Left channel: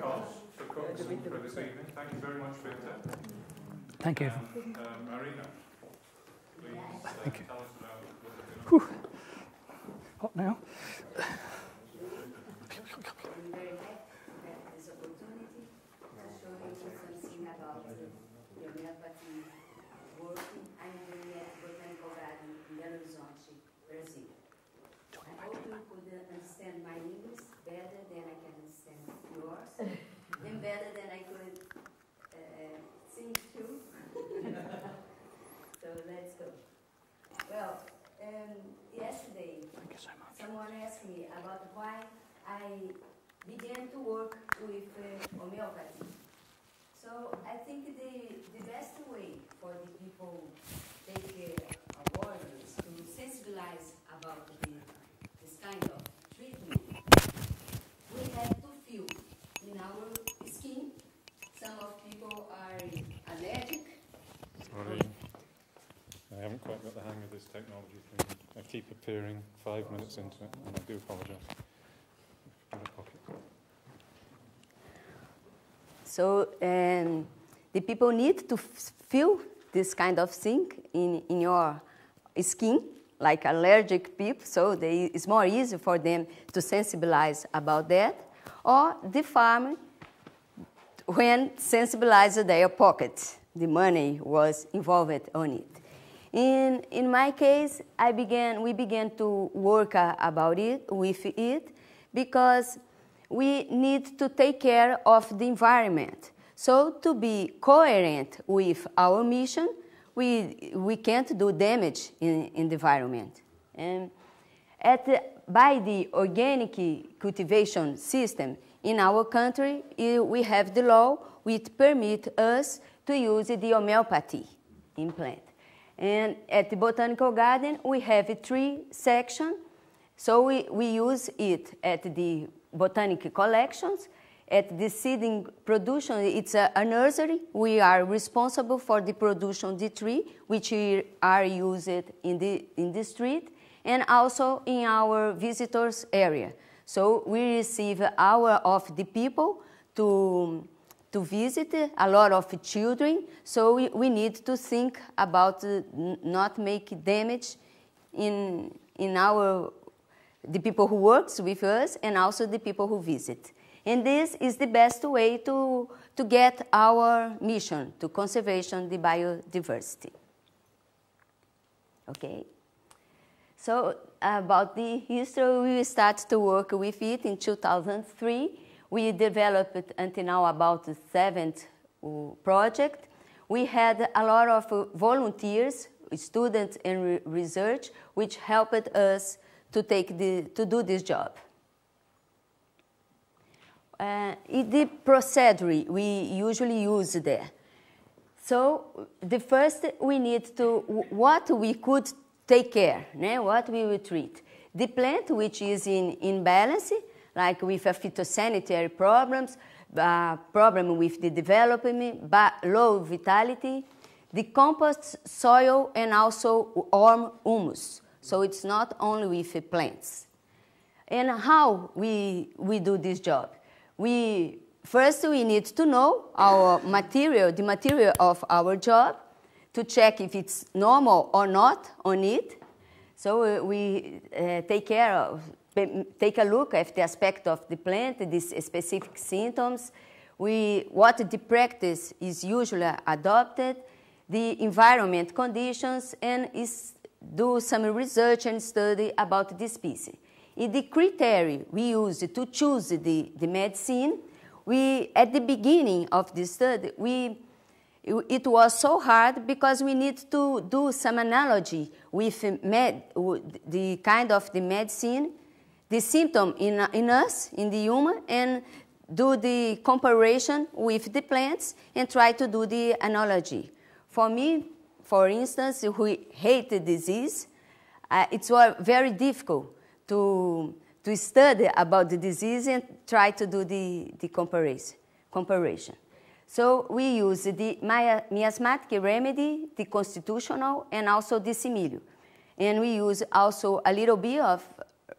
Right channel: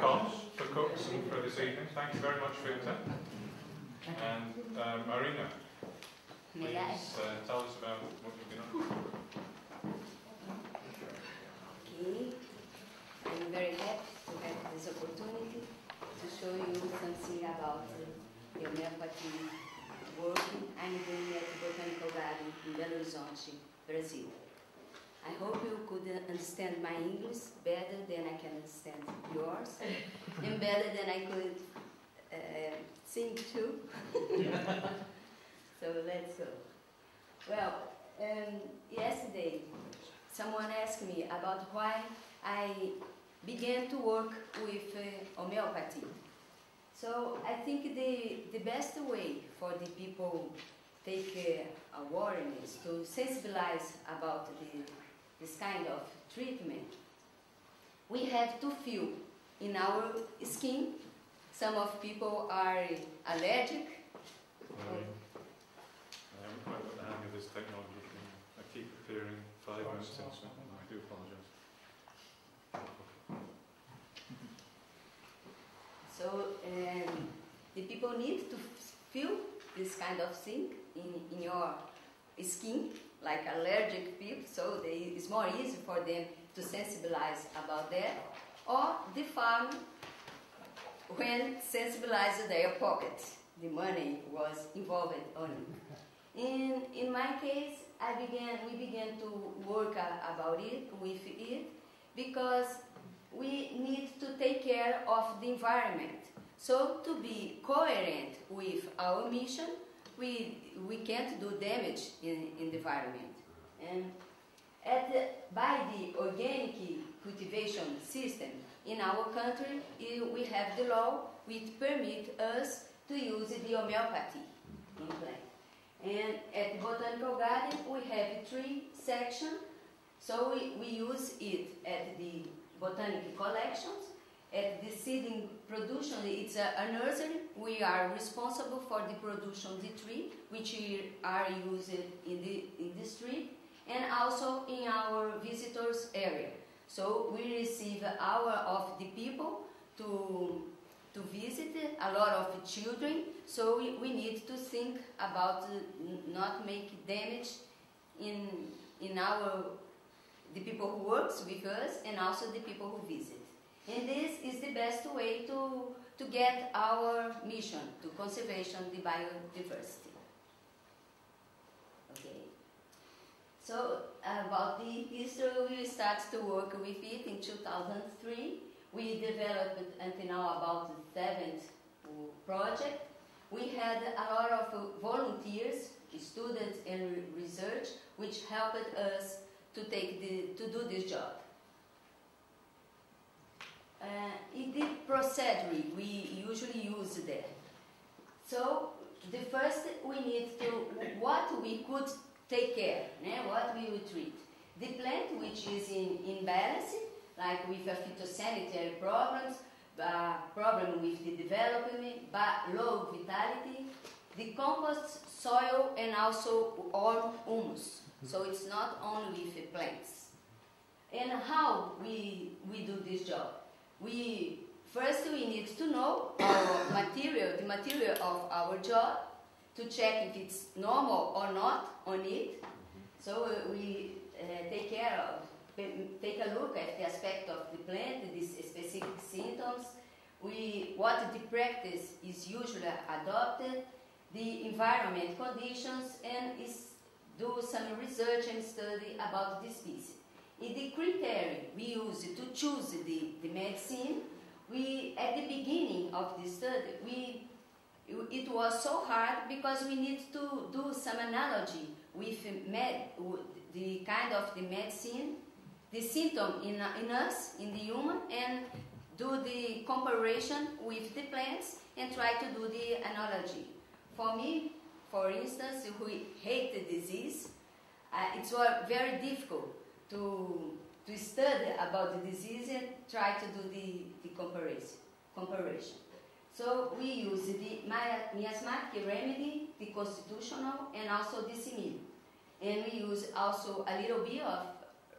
cost for cooks for this evening. Thank you very much, Victor. Thank you. And Marina, please tell us about what you've been up to. What now? I'm very happy to have this opportunity to show you something about the homeopathy work I'm doing at the Botanical Garden in Belo Horizonte, Brazil. I hope you could understand my English better than I can understand yours, and better than I could sing too. So let's go. Well, yesterday someone asked me about why I began to work with homeopathy. So I think the best way for the people take awareness to sensibilize about this kind of treatment, we have to feel in our skin. Some of people are allergic. Sorry. I haven't quite got the hang of this technology. I keep appearing 5 minutes into it, and I do apologise. So the people need to feel this kind of thing in your skin, like allergic people, so it's more easy for them to sensibilize about that. Or the farmer, when sensibilized their pocket, the money was involved on it. In my case, we began to work with it because we need to take care of the environment. So to be coherent with our mission, we can't do damage in the environment. And by the organic cultivation system in our country, we have the law which permit us to use the homeopathy in plant. And at the Botanical Garden, we have 3 sections. So we use it at the botanic collections. At the seeding production, it's a nursery. We are responsible for the production of the tree, which are used in the street, and also in our visitors area. So we receive of the people to visit, a lot of children. So we need to think about not make damage in the people who works with us and also the people who visit. And this is the best way to get our mission to conservation the biodiversity. Okay. So about the history, we start to work with it in 2003. We developed it until now about the 7th project. We had a lot of volunteers, students and research, which helped us to do this job. The procedure we usually use there. So the first we need to, what we could take care, what we will treat. The plant which is in balance, like with a phytosanitary problems, problem with the development, low vitality, the compost soil and also warm humus. So it's not only with plants. And how we do this job? First we need to know our material, the material of our job, to check if it's normal or not on it. So we take a look at the aspect of the plant, these specific symptoms, what the practice is usually adopted, the environment conditions, and do some research and study about the species. In the criteria we use to choose the medicine, at the beginning of the study, it was so hard because we need to do some analogy with the kind of the medicine, the symptom in us, in the human, and do the comparison with the plants and try to do the analogy. For me, for instance, who hate the disease, it's very difficult to study about the disease and try to do the comparison. So we use the miasmatic remedy, the constitutional, and also the similio. And we use also a little bit of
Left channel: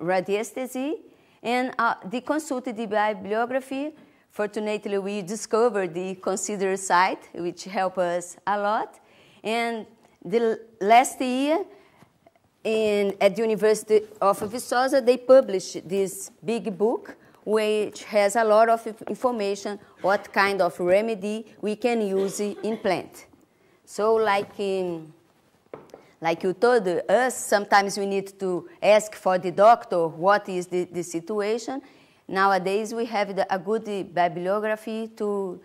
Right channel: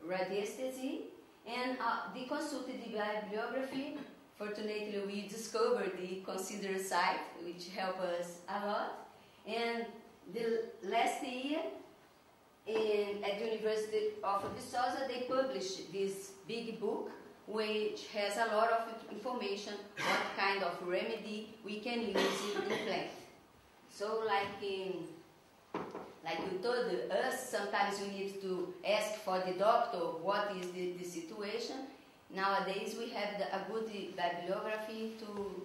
radiesthesia and the consultative bibliography fortunately, we discovered the consider site, which helped us a lot. And the last year, at the University of Viçosa, they published this big book, which has a lot of information what kind of remedy we can use in plant. So like you told us, sometimes we need to ask for the doctor what is the situation. Nowadays we have a good bibliography to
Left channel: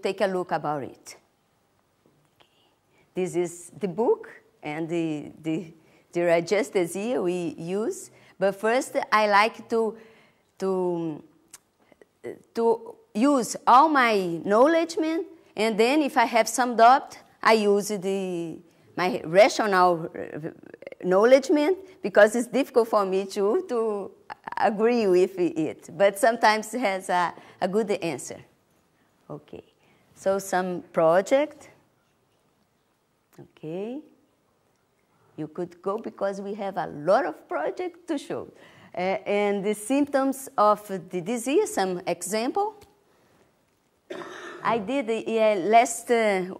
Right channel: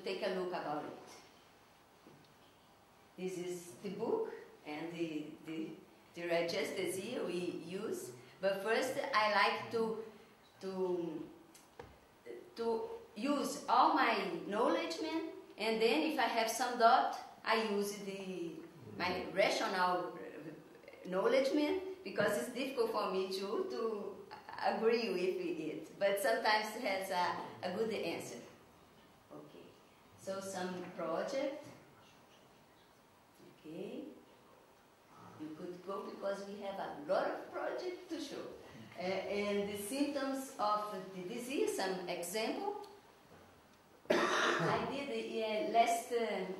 take a look about it. This is the book and the registers here we use. But first I like to use all my knowledge, and then if I have some doubt, I use my rational knowledge, because it's difficult for me to agree with it. But sometimes it has a good answer. Okay, so some project. Okay, you could go because we have a lot of projects to show. And the symptoms of the disease, some example. I did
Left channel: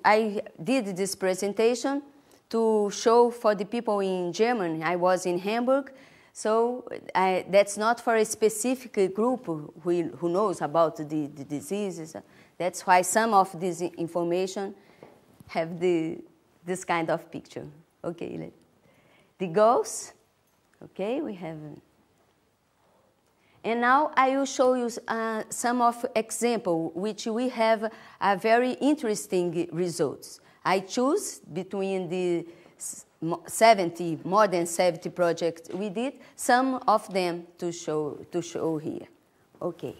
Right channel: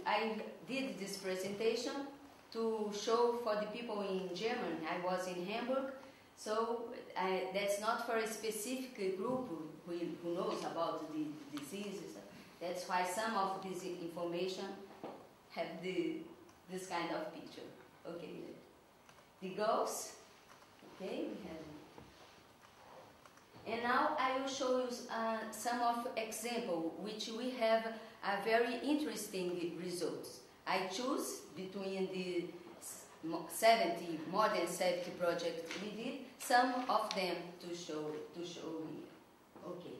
I did this presentation to show for the people in Germany. I was in Hamburg, so that's not for a specific group who knows about the diseases. That's why some of this information have this kind of picture. Okay, the goals. Okay, we have. And now I will show you some of example which we have a very interesting results. I choose between the more than 70 projects we did, some of them to show here. Okay.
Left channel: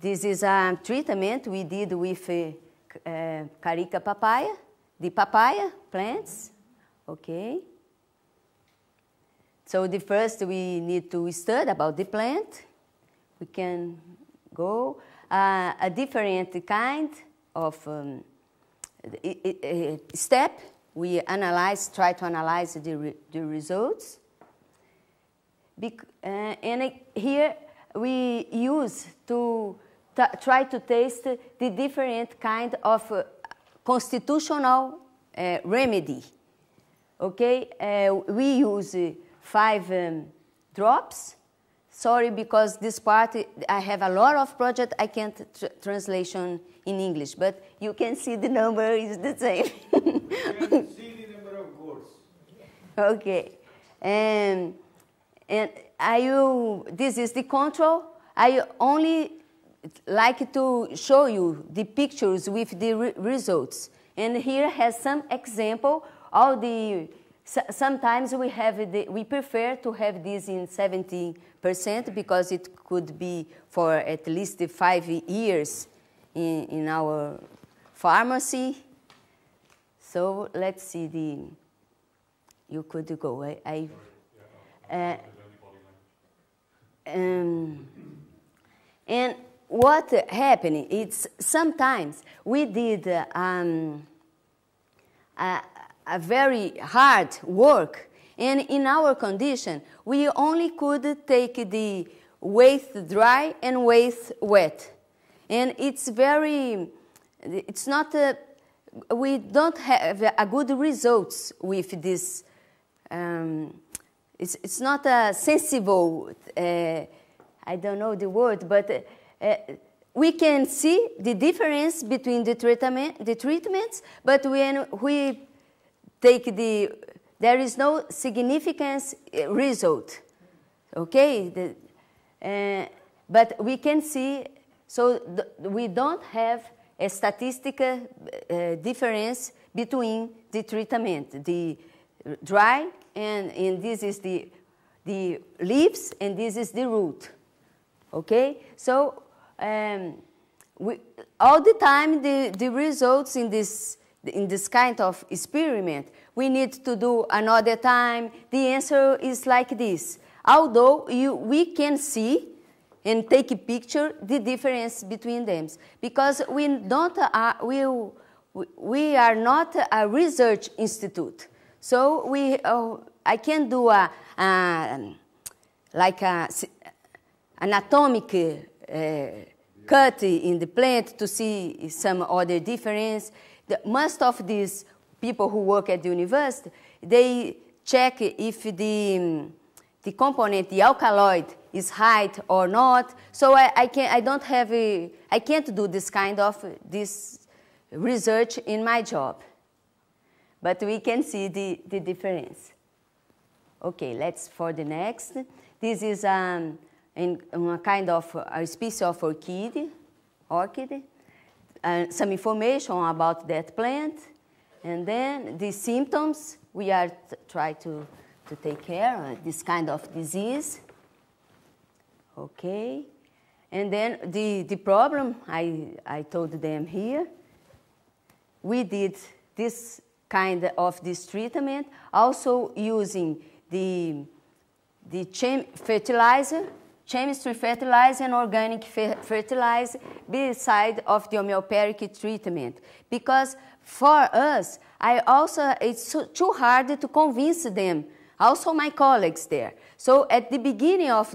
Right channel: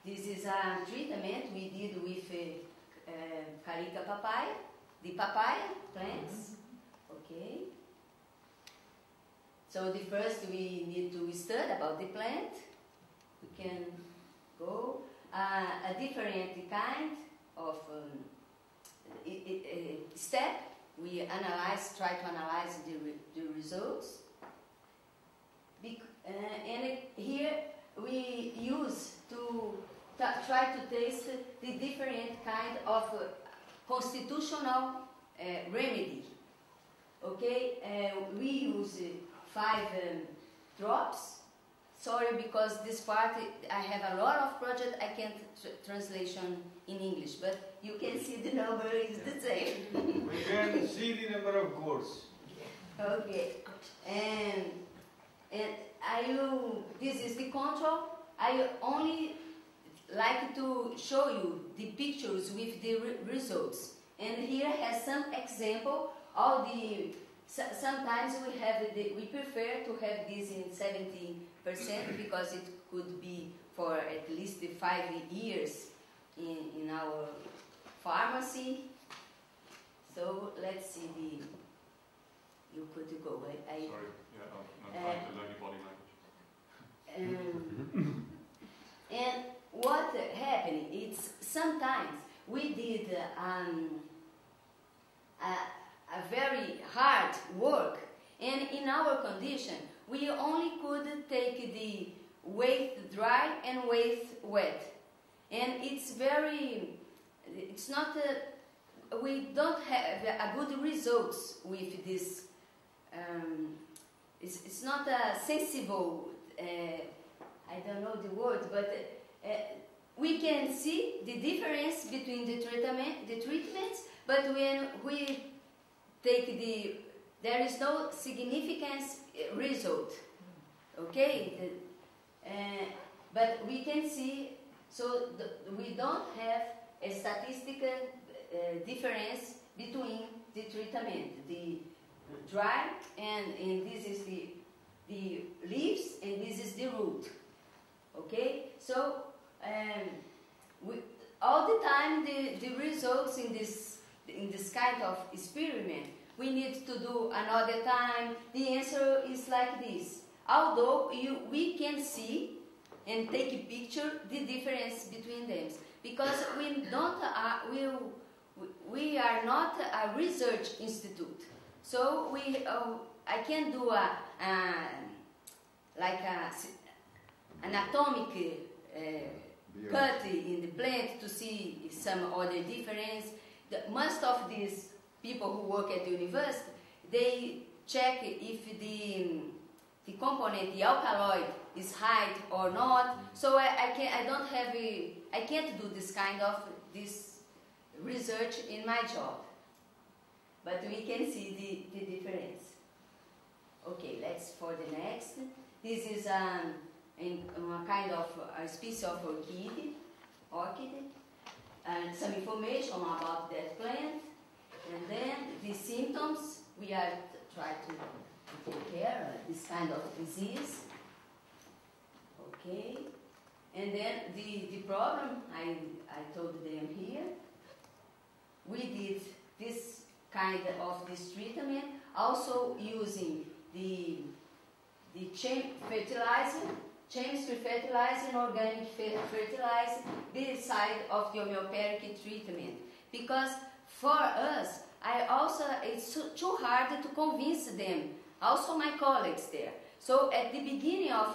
This is a treatment we did with carica papaya, the papaya plants. Okay. So the first we need to study about the plant. We can go a different kind of step. We try to analyze the results. And here we use to try to taste the different kind of constitutional remedy. Okay, we use 5 drops. Sorry, because this part, I have a lot of projects, I can't translation in English, but you can see the number is the same. We can see the number of gourds. Okay, and this is the control. I only like to show you the pictures with the results. And here has some example, sometimes we prefer to have this in 70% because it could be for at least 5 years in our pharmacy. So let's see you could go. And what happened? It's sometimes we did a very hard work, and in our condition we only could take the waste dry and waste wet, and we don't have a good results with this. It's not a sensible, I don't know the word, but we can see the difference between the treatments, but when we take there is no significant result, okay? But we can see, so we don't have a statistical difference between the treatment, the dry, and this is the leaves, and this is the root, okay? So all the time the results in this kind of experiment, we need to do another time. The answer is like this. Although we can see and take a picture the difference between them, because we are not a research institute. So I can do like a anatomic cut in the plant to see some other difference. Most of these people who work at the university, they check if the component, the alkaloid, is high or not. So I can't do this kind of research in my job. But we can see the difference. Okay, let's for the next. This is a kind of a species of orchid. Some information about that plant. And then the symptoms, we are trying to take care of this kind of disease. Okay. And then the problem, I told them here. We did this kind of this treatment, also using the chemistry fertilizer and organic fertilizer beside of the homeopathic treatment. Because for us, it's too hard to convince them, also my colleagues there. So at the beginning of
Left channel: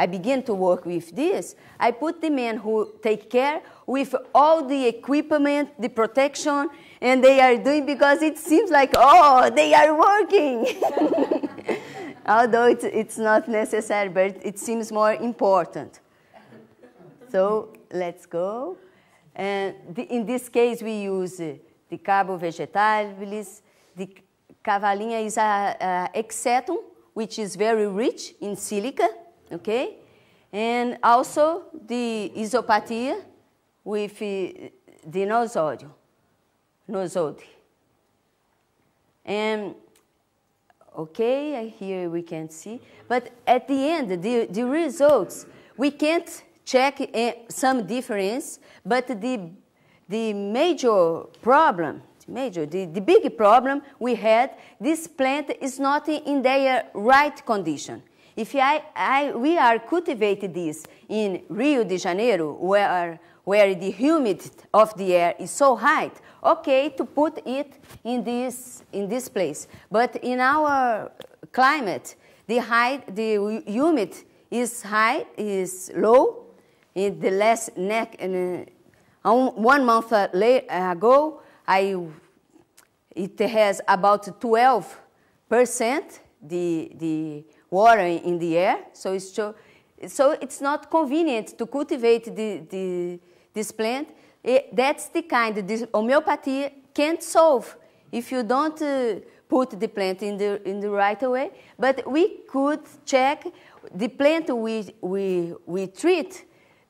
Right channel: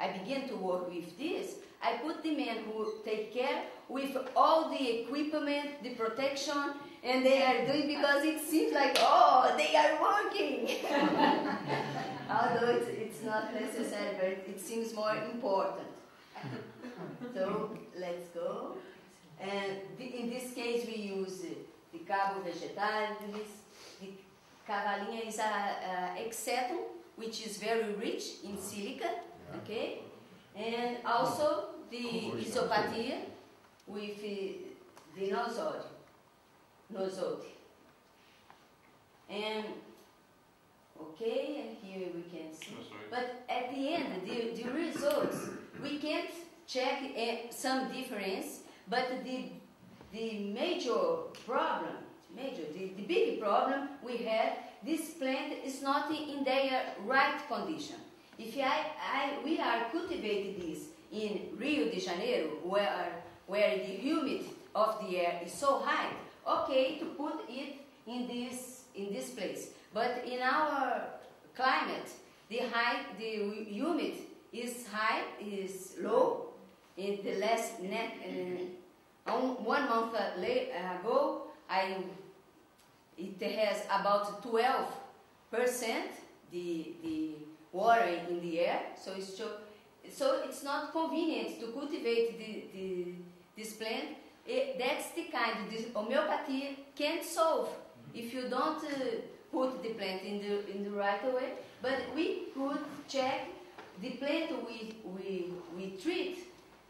I began to work with this, I put the men who take care with all the equipment, the protection, and they are doing because it seems like, oh, they are working. Although it's not necessary, but it seems more important. So let's go. And in this case, we use the carbo-vegetales. The cavalinha is a exetum, which is very rich in silica, okay? And also the isopathia with the nosode. And okay, here we can see. But at the end, the results, we can't check some difference, but the major problem, the big problem we had, this plant is not in their right condition. If we are cultivating this in Rio de Janeiro, where the humidity of the air is so high, okay, to put it in this place. But in our climate, the humidity is high, is low. In the last 1 month ago, it has about 12% the water in the air. So it's not convenient to cultivate this plant. That's the kind this homeopathy can't solve if you don't put the plant in the right way. But we could check the plant we treat,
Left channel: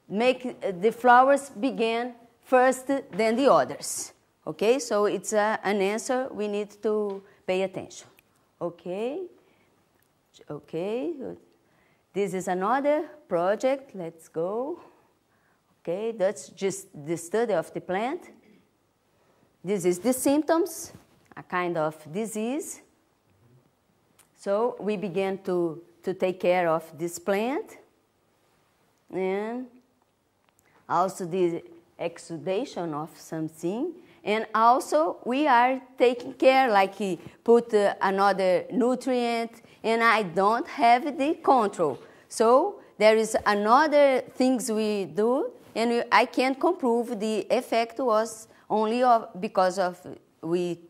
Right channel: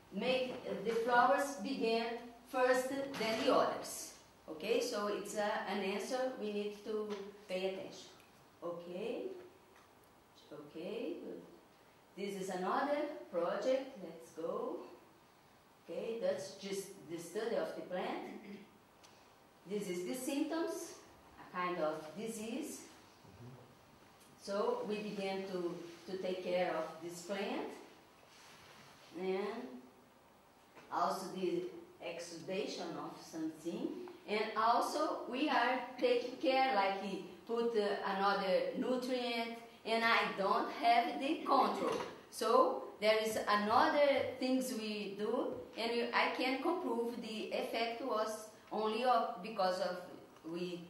make the flowers begin first than the others. Okay, so it's an answer we need to pay attention. Okay, okay. This is another project. Let's go. Okay, that's just the study of the plant. This is the symptoms, a kind of disease. So we began to take care of this plant. And also the exudation of something. And also we are taking care, like he put another nutrient, and I don't have the control. So there is another things we do, and I can't prove the effect was only because of we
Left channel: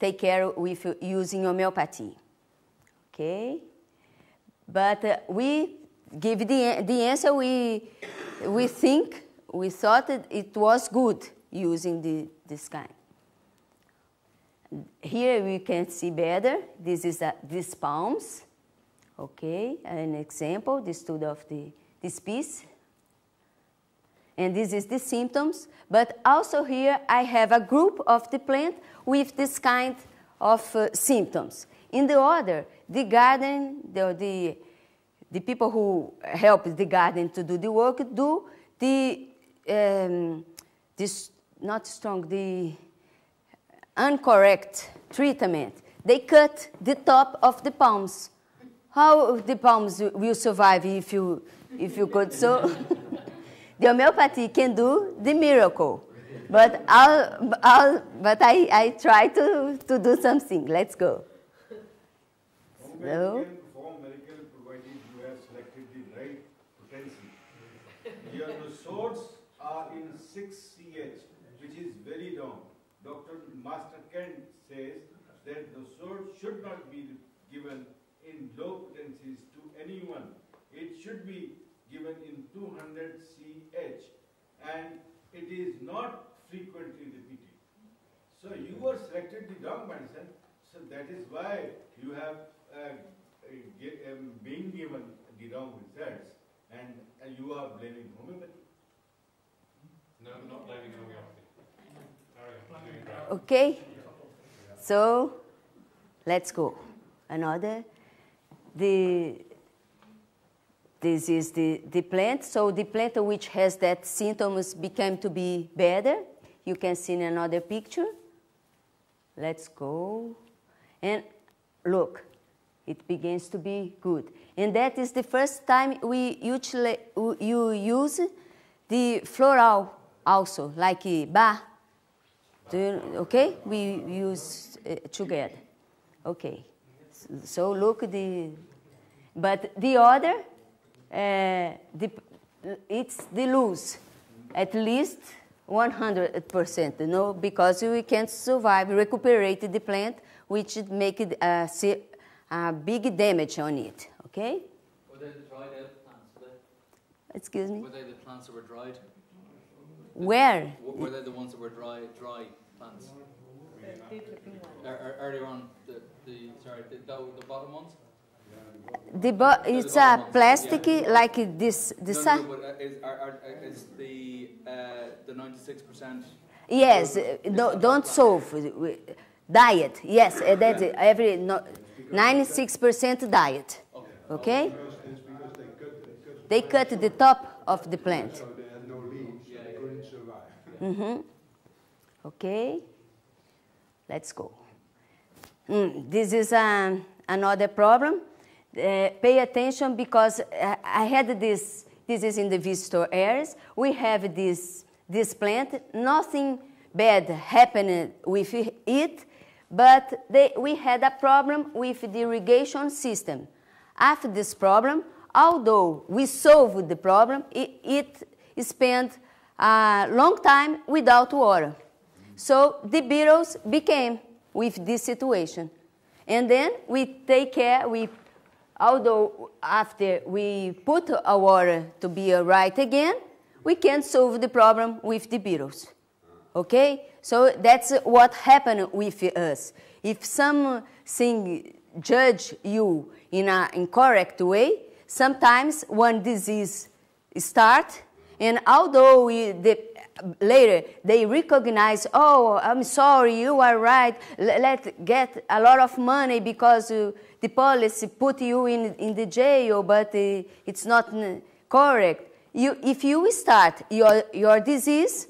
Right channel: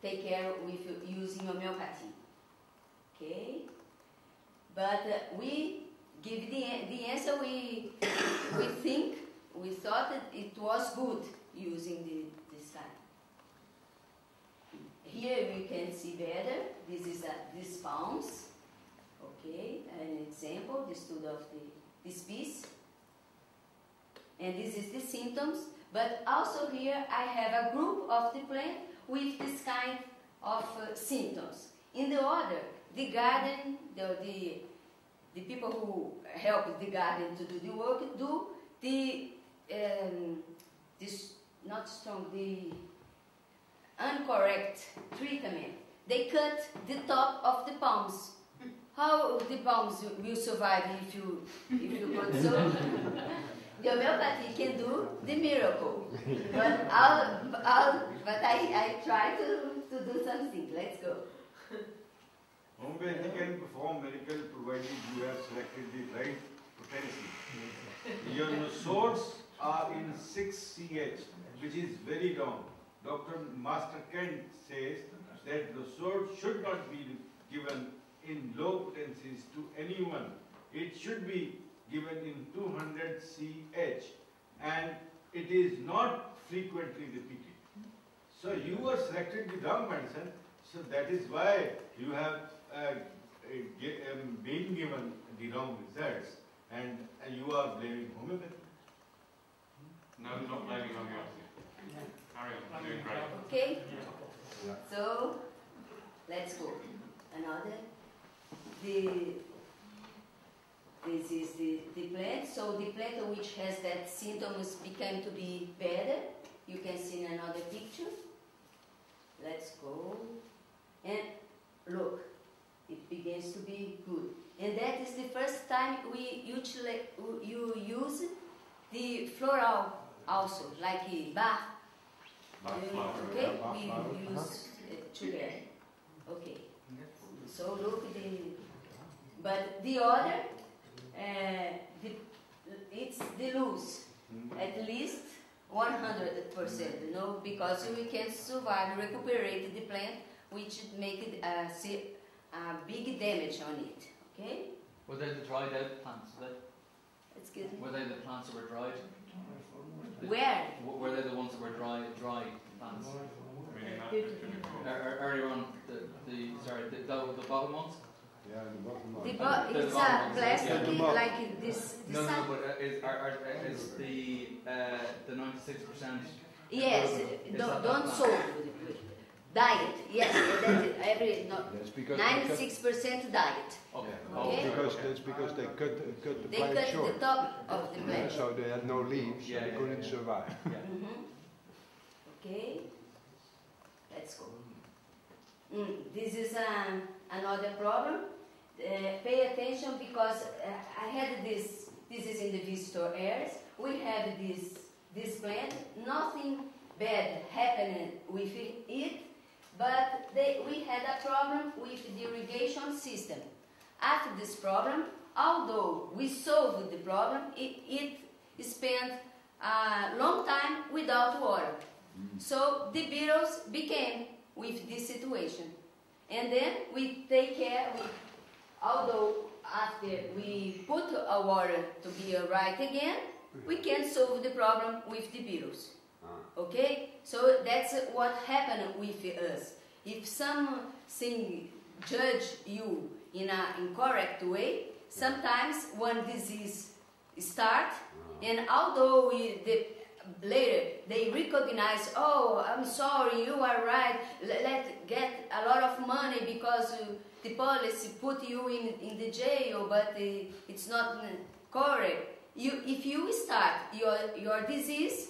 take care with using homeopathy. Okay, but we give the answer we thought that it was good using this kind. Here we can see better. This is these palms. Okay, an example, the study of this piece. And this is the symptoms. But also here I have a group of the plant with this kind of symptoms. In the other, the garden, the people who help the garden to do the work do this not strong, the incorrect treatment. They cut the top of the palms. How the palms will survive if you could so? The homeopathy can do the miracle, but I try to do something. Let's go. Homeopathy can perform miracle provided you have selected the right potency. Your source are in 6CH, which is very wrong. Dr. Master Kent says that the source should not be given in low potencies to anyone. It should be given in 200CH, and it is not frequently repeated. So you are selected the wrong medicine, so that is why you have been given the wrong results, and you are blaming homeopathy. No, not blaming homeopathy. Carry on, doing great. Okay? So, let's go. Another. This is the plant. So the plant which has that symptoms became to be better. You can see in another picture. Let's go. And look, it begins to be good. And that is the first time we usually use the floral also, like bar. Okay? We use together. Okay. So look but the other, it's the loose, at least 100%, no, because we can't survive, recuperate the plant, which make it a big damage on it, okay? Were they the dried out plants? Excuse me? Were they the plants that were dried? Where? Were they the ones that were dry plants? Earlier on, the bottom ones? It's a plastic like this. No, but is the 96%? Yes, don't solve. Diet, yes, that's it. 96% diet. Okay? Because They cut the top of the plant. So they had no leaves, so they couldn't survive. Okay, let's go. This is another problem. Pay attention because I had this is in the visitor areas. We have this plant. Nothing bad happened with it, but we had a problem with the irrigation system. After this problem, although we solved the problem, it spent a long time without water. So the beetles became with this situation. And then we take care, although after we put our water to be right again, we can solve the problem with the beetles. Okay? So that's what happened with us. If something judge you in an incorrect way, sometimes one disease starts, and although later they recognize, oh, I'm sorry, you are right, let's get a lot of money because the policy put you in the jail, but it's not correct. If you start your disease,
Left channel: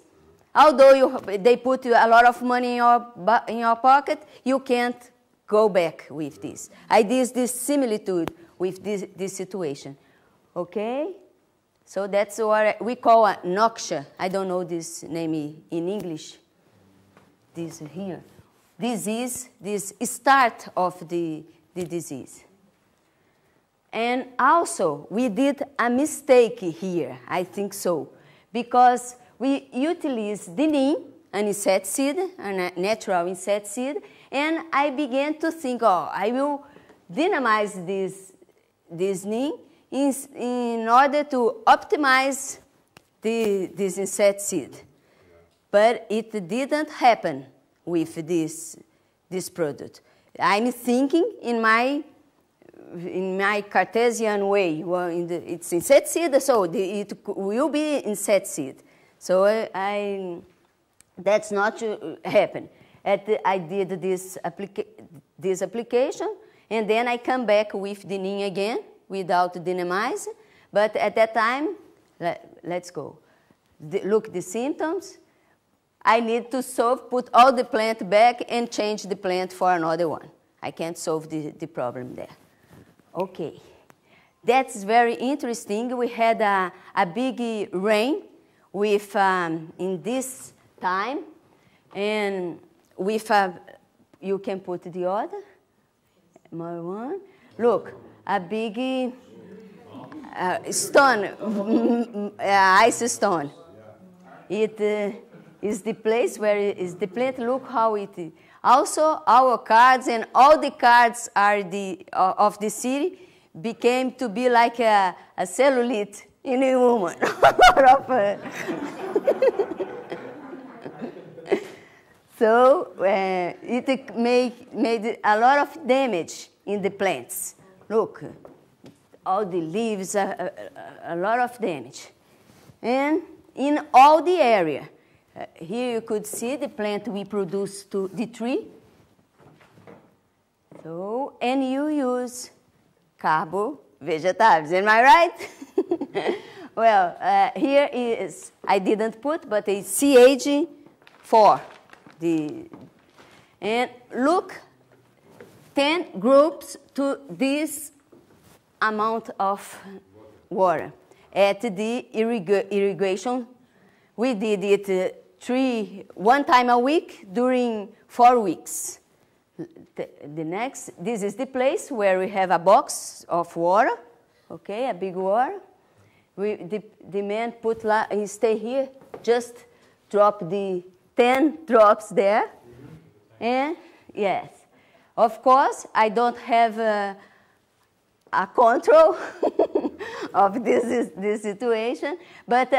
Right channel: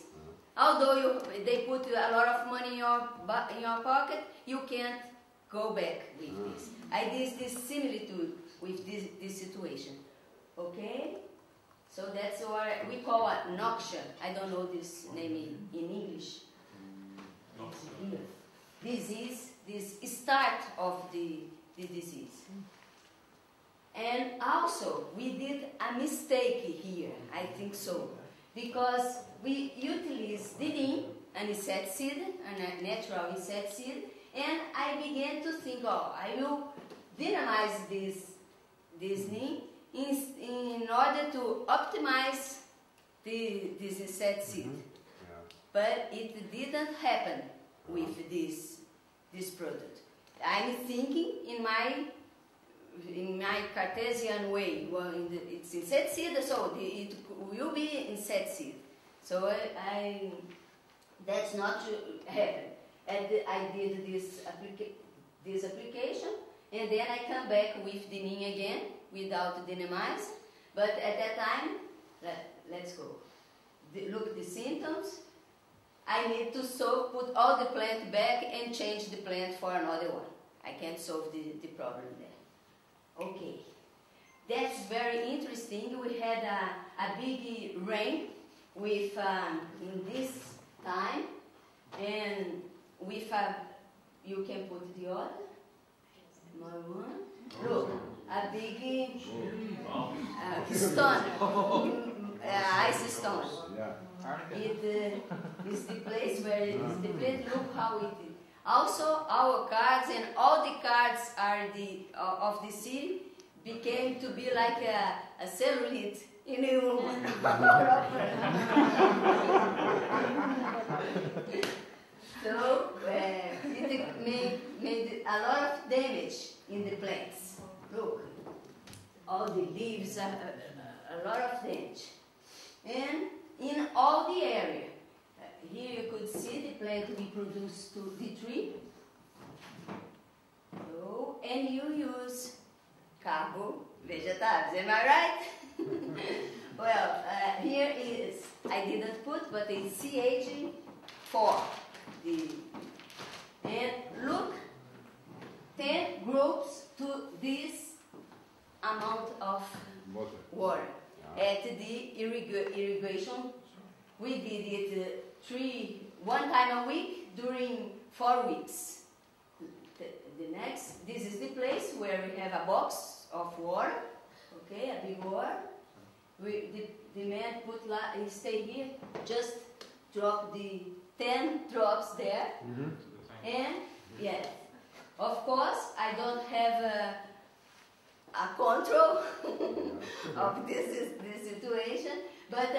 although they put a lot of money in your pocket, you can't go back with this. I did this similitude with this situation. Okay? So that's what we call a noxia. I don't know this name in English. This here. This is this start of the disease. And also, we did a mistake here, I think so, because we utilized the neem, an insecticide, a natural insecticide, and I began to think, oh, I will dynamize this neem in order to optimize this insecticide. But it didn't happen with this product. I'm thinking in my Cartesian way. Well, it's insecticide, so it will be insecticide. So that's not happen. I did this application, and then I come back with the neem again without dynamize. But at that time, let's go. Look the symptoms. I need to put all the plant back and change the plant for another one. I can't solve the problem there. Okay. That's very interesting. We had a big rain with in this time, and with you can put the other more one. Look, a big stone, ice stone. It is the place where is the plant. Look how it is. Also, our cards and all the cards are of the city became to be like a cellulite in a woman. So it made a lot of damage in the plants. Look, all the leaves, a lot of damage. And in all the area, here you could see the plant we produce to the tree. So, and you use carbo vegetables, am I right? Well, here is, I didn't put, but it's CH4. And look, 10 groups to this amount of water. At the irrigation, we did it one time a week during 4 weeks. The next, this is the place where we have a box of water, okay, a big water. The man he stay here, just drop the 10 drops there. And yes, of course, I don't have a control of this situation, but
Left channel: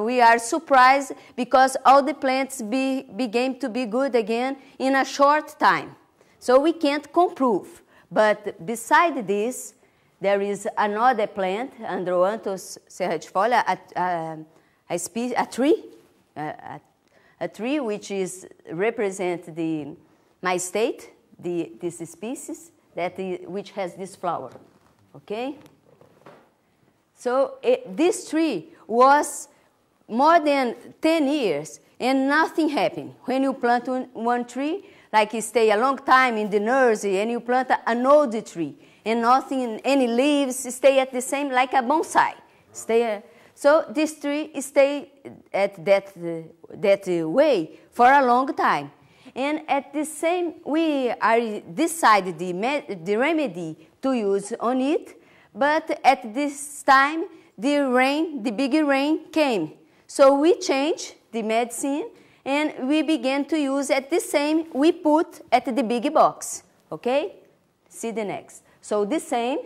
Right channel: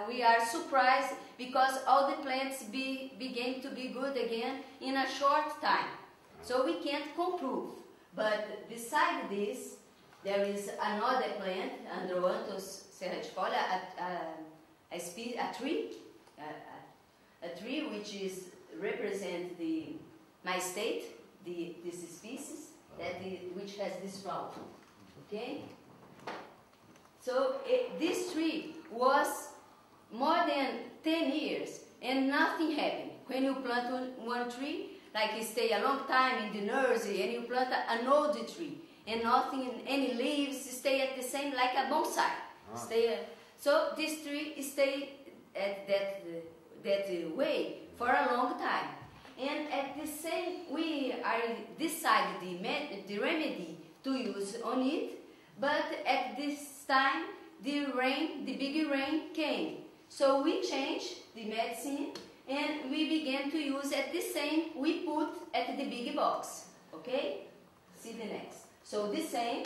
we are surprised because all the plants began to be good again in a short time. So we can't improve. But beside this, there is another plant, Androanthus serratifolia, a tree which represents my state, this species, which has this flower, okay? So this tree was more than 10 years and nothing happened. When you plant one tree, like you stay a long time in the nursery and you plant an old tree and nothing, any leaves stay at the same, like a bonsai. So this tree stay at that way for a long time. And at the same, we decided the remedy to use on it, but at this time, the big rain came. So we changed the medicine and we began to use at the same, we put at the big box, okay? See the next. So the same,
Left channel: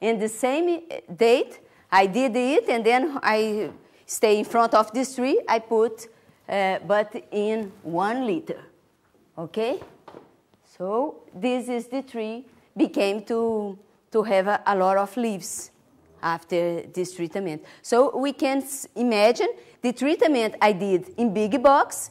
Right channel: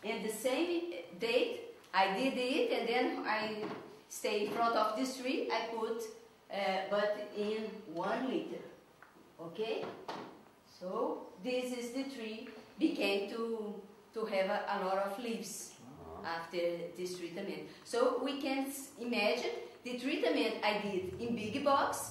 in the same date, I did it and then I stay in front of this tree, I put, but in 1 liter. Okay, so this is the tree became to have a lot of leaves after this treatment. So we can imagine the treatment I did in big box,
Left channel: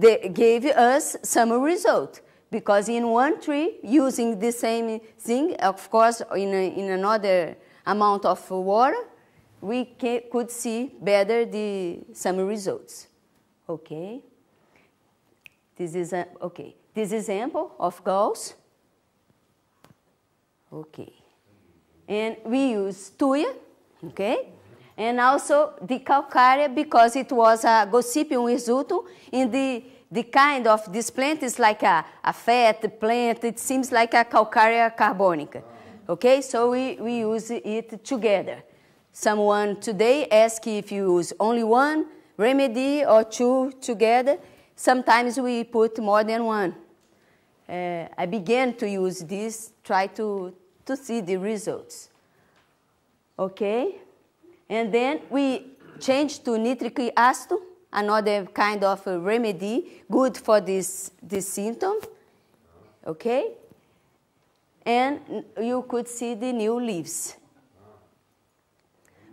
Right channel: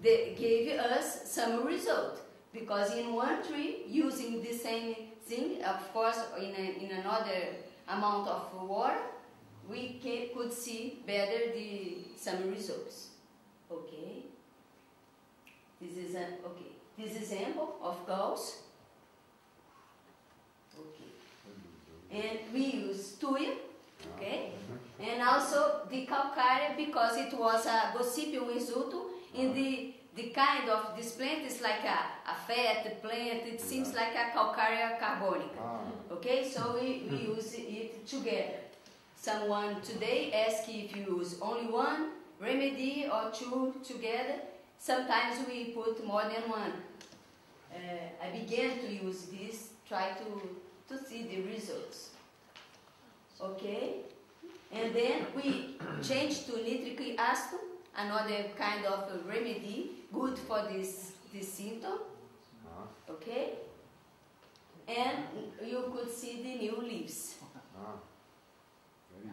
they gave us some result because in one tree using the same thing, of course in another amount of water, we could see better some results. Okay. This is this example of galls. Okay. And we use tuya, okay? And also the calcarea because it was a Gossypium hirsutum. In the kind of this plant is like a fat plant. It seems like a calcarea carbonica. Okay, so we use it together. Someone today asked if you use only one remedy or two together. Sometimes we put more than one. I began to use this, try to see the results. Okay? And then we changed to nitric acid, another kind of remedy, good for this symptom. Okay? And you could see the new leaves.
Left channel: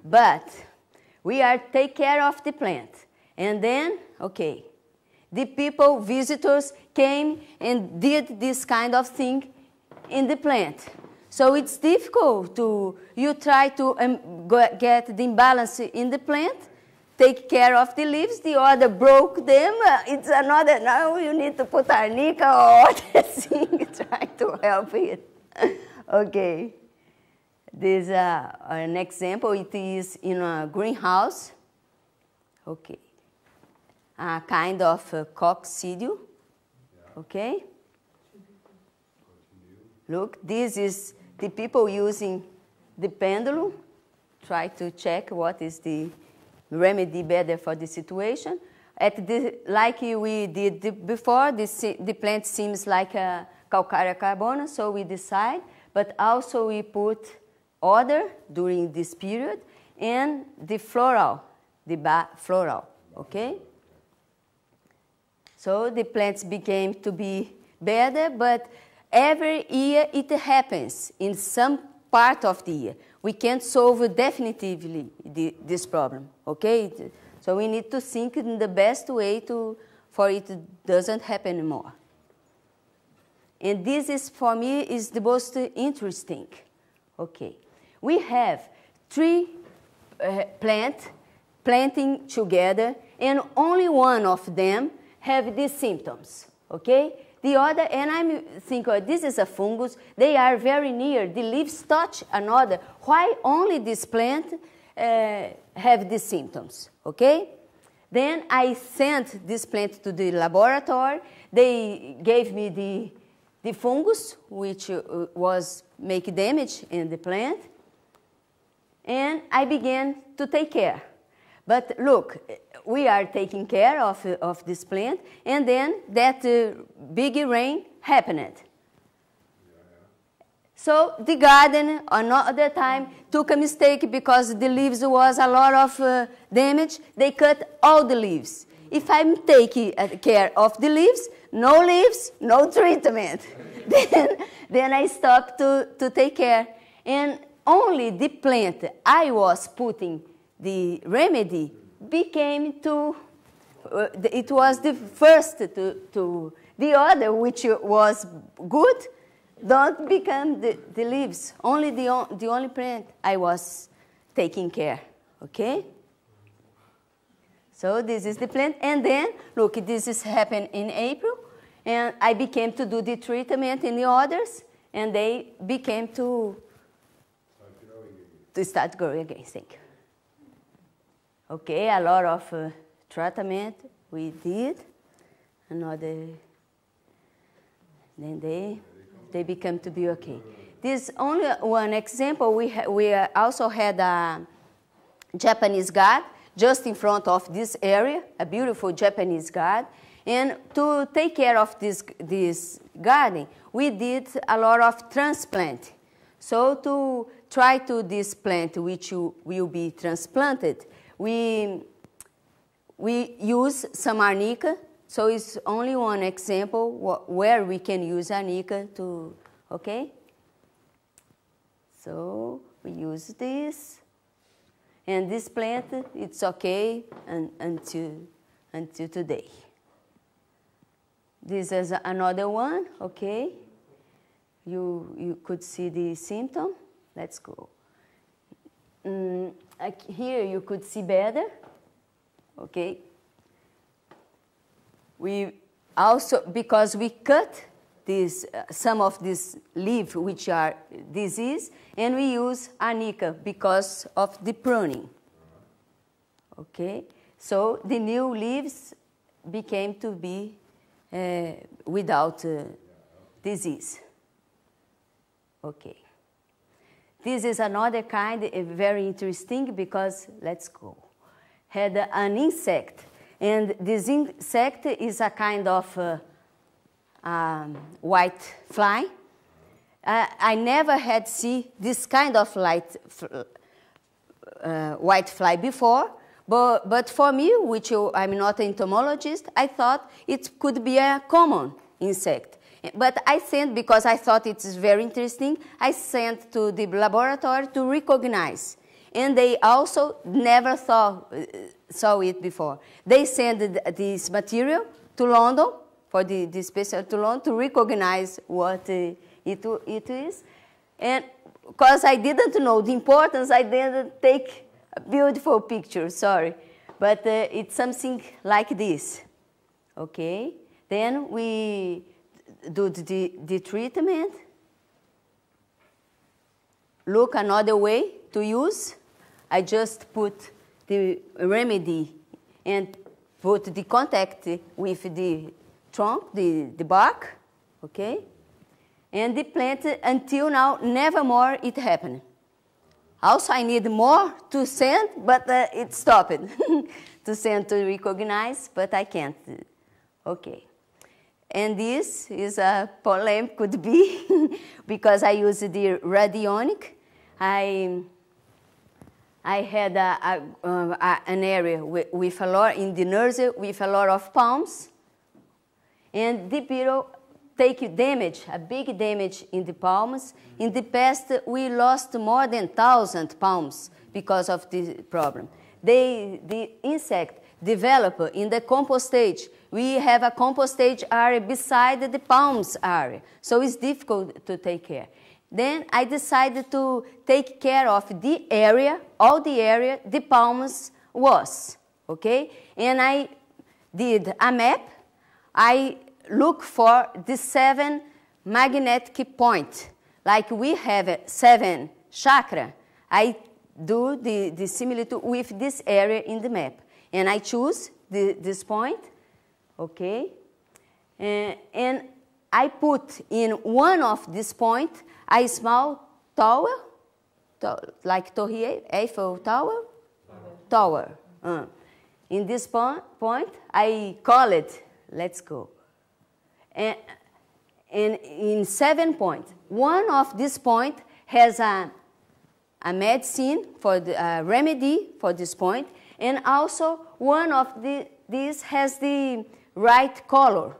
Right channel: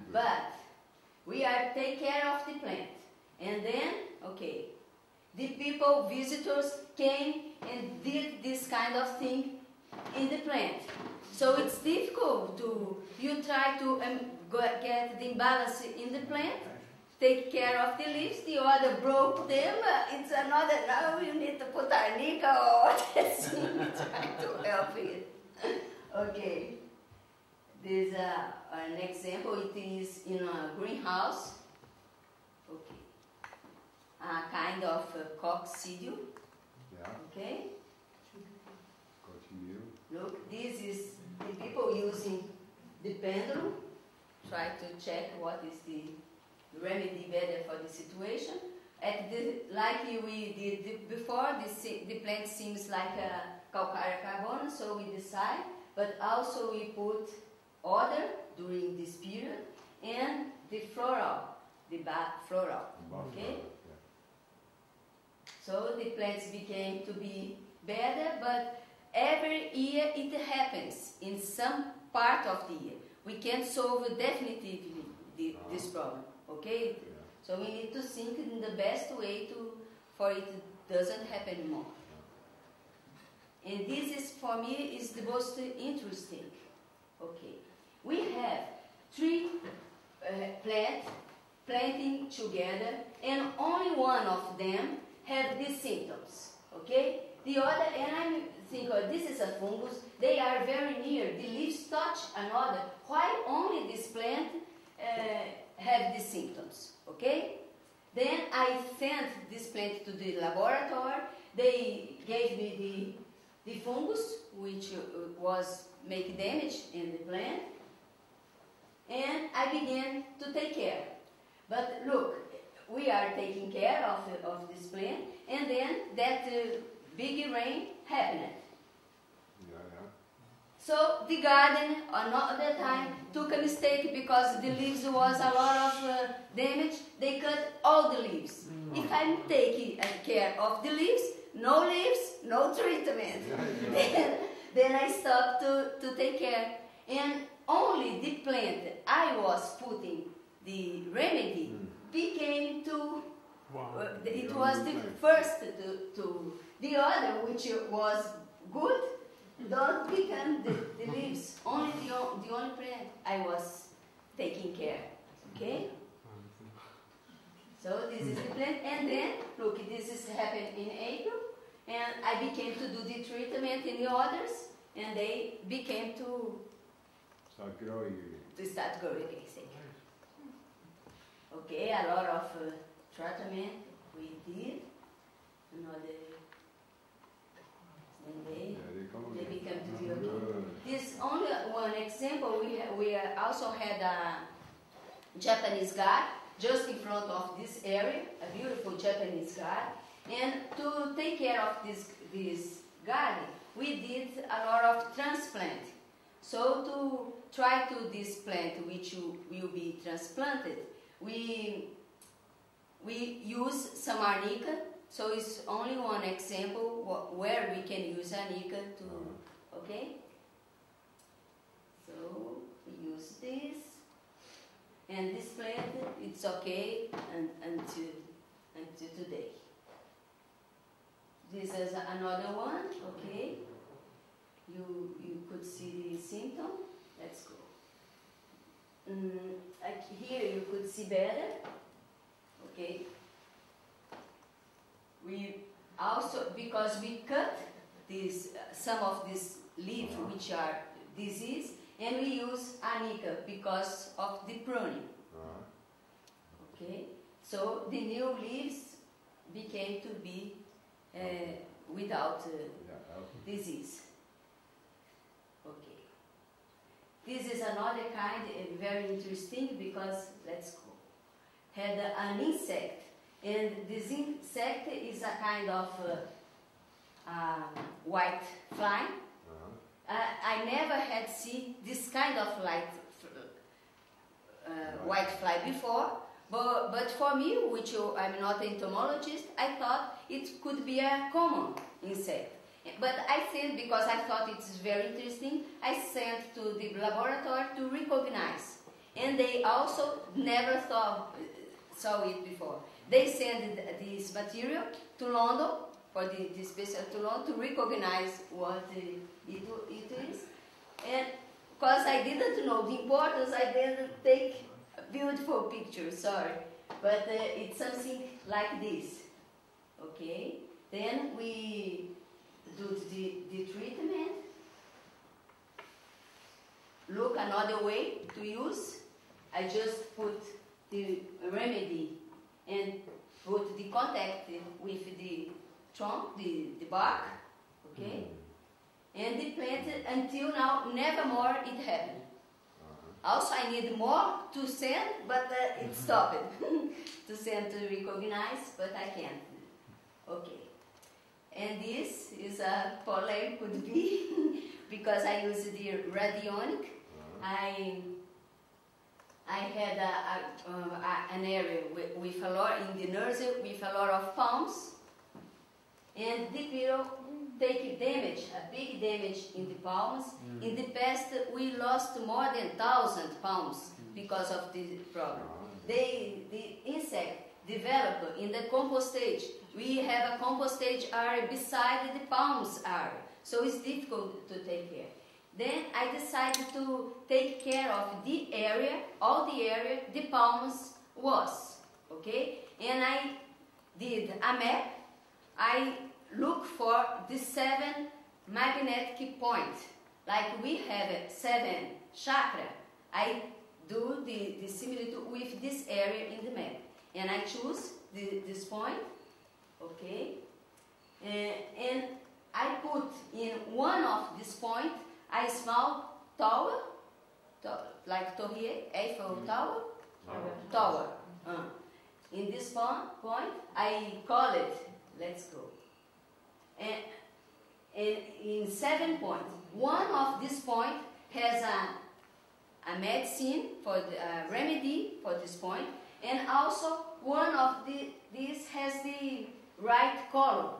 But we are take care of the plant. And then, okay, the people, visitors, came and did this kind of thing in the plant. So it's difficult you try to get the imbalance in the plant, take care of the leaves, the other broke them, it's another, now you need to put arnica or other thing, try to help it. Okay. This is an example, it is in a greenhouse. Okay. A kind of coccidio, okay? Look, this is the people using the pendulum try to check what is the remedy better for the situation. Like we did before, the plant seems like a calcarea carbona, so we decide, but also we put other during this period, and the floral, okay? So the plants became to be better, but every year it happens in some part of the year. We can't solve definitively this problem, okay? So we need to think in the best way for it doesn't happen anymore. And this is, for me, is the most interesting. Okay, we have 3 planting together, and only one of them have these symptoms, okay? The other, and I'm thinking, oh, this is a fungus, they are very near, the leaves touch another. Why only this plant have these symptoms, okay? Then I sent this plant to the laboratory. They gave me the fungus, which was make damage in the plant, and I began to take care. But look, we are taking care of this plant, and then that big rain happened. So the garden, another time, took a mistake because the leaves was a lot of damage. They cut all the leaves. If I'm taking care of the leaves, no treatment. then I stopped to take care. And only the plant I was putting the remedy became to, it was the first to the other, which was good, don't become the leaves. Only the only plant I was taking care, okay? So this is the plant, and then, look, this is happened in April, and I began to do the treatment in the others, and they became to start growing again, thank you. Okay, a lot of treatment we did, another, then they become to be okay. This only one example, we also had a Japanese garden just in front of this area, a beautiful Japanese garden, and to take care of this garden, we did a lot of transplant. So to try to this plant which will be transplanted, we use some arnica. So it's only one example where we can use arnica to, okay? So we use this, and this plant, it's okay until today. This is another one, okay? You could see the symptom. Let's go. Here you could see better, okay? We also, because we cut some of these leaves which are diseased, and we use arnica because of the pruning. Okay, so the new leaves became to be without disease. Okay, this is another kind, very interesting because, let's go, had an insect. And this insect is a kind of white fly. I never had seen this kind of white fly before, but for me, which I'm not an entomologist, I thought it could be a common insect. But I sent, because I thought it's very interesting, I sent to the laboratory to recognize. And they also never saw it before. They sent this material to London, for the special to London, to recognize what it is. And because I didn't know the importance, I didn't take a beautiful picture, sorry. But it's something like this, okay? Then we do the treatment. Look, another way to use. I just put the remedy and put the contact with the trunk, the bark, okay? And the plant, until now, never more it happened. Also, I need more to send, but it stopped to send to recognize, but I can't. Okay. And this is a polemic, could be, because I use the radionic. I had an area with a lot, in the nursery, with a lot of palms, and the beetle take damage, a big damage in the palms. In the past, we lost more than 1,000 palms because of this problem. The insect develop in the compost stage. We have a compost stage area beside the palms area, so it's difficult to take care. Then I decided to take care of the area, all the area the palms was, okay? And I did a map. I look for the 7 magnetic points. Like we have 7 chakra, I do the similitude with this area in the map. And I choose this point, okay? And I put in one of these points a small tower, like Torre Eiffel Tower? Tower. In this point, I call it, let's go. And in 7 points, one of these points has a medicine for the remedy for this point, and also one of these has the right color,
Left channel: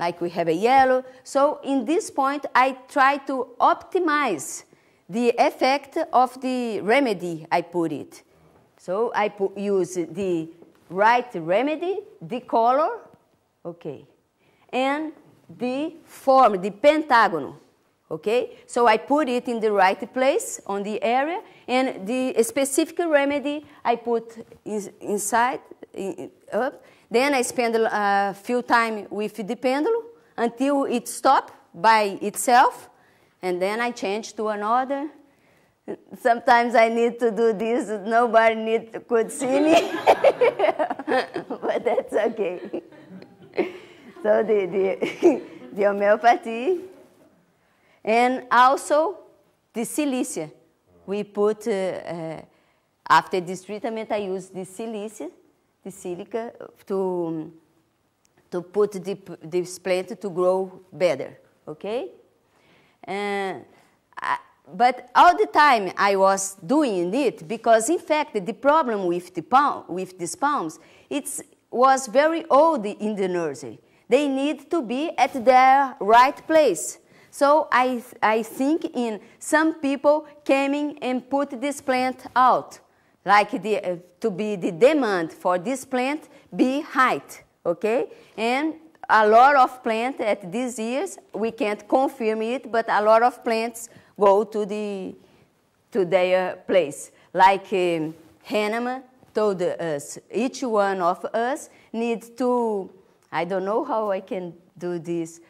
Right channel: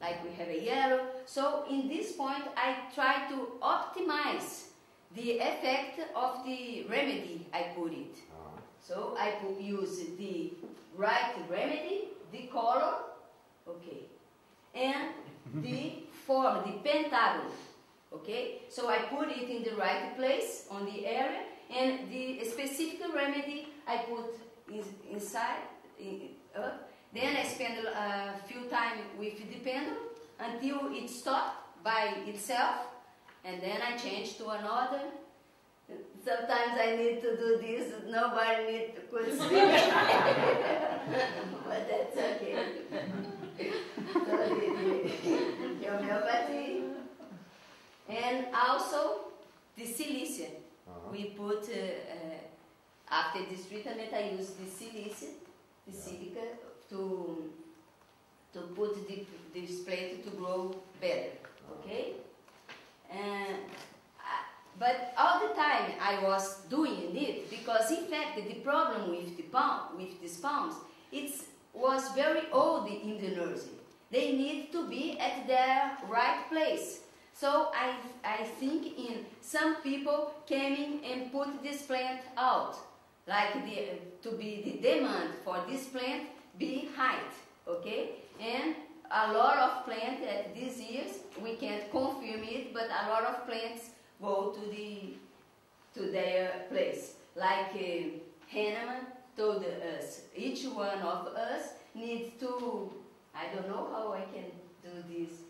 like we have a yellow. So in this point, I try to optimize the effect of the remedy I put it. So I use the right remedy, the color, okay, and the form, the pentagon, okay? So I put it in the right place on the area, and the specific remedy I put inside, up. Then I spend a few time with the pendulum until it stops by itself, and then I change to another. Sometimes I need to do this, nobody could see me, but that's okay. So the homeopathy, and also the silicia. We put, after this treatment, I use the silicia, the silica, to put this plant to grow better, okay? But all the time I was doing it, because in fact the problem with these palms, it was very old in the nursery. They need to be at their right place. So I think in some people coming and put this plant out, like to be the demand for this plant be height, okay? And a lot of plants at these years, we can't confirm it, but a lot of plants go to their place. Like Hahnemann told us, each one of us needs to, I don't know how I can do this,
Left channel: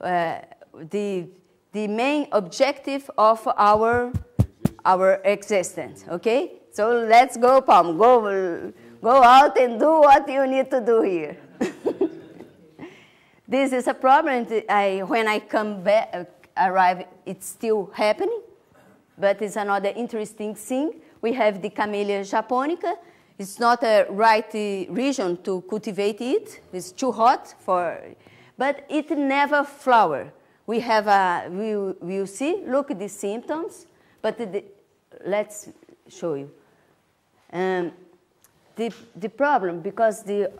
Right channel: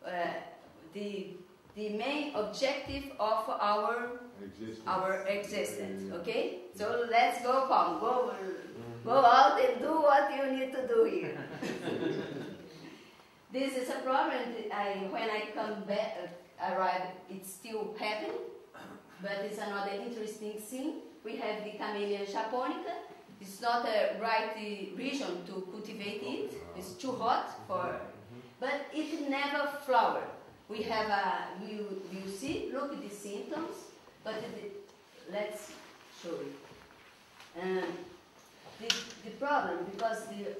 the main objective of our existence, okay? So let's go, Palm, go out and do what you need to do here. This is a problem. When I come back, arrive, it's still happening, but it's another interesting thing. We have the Camellia japonica. It's not a right region to cultivate it. It's too hot for, but it never flower. We have we'll see, look at the symptoms, but let's show you. The problem, because the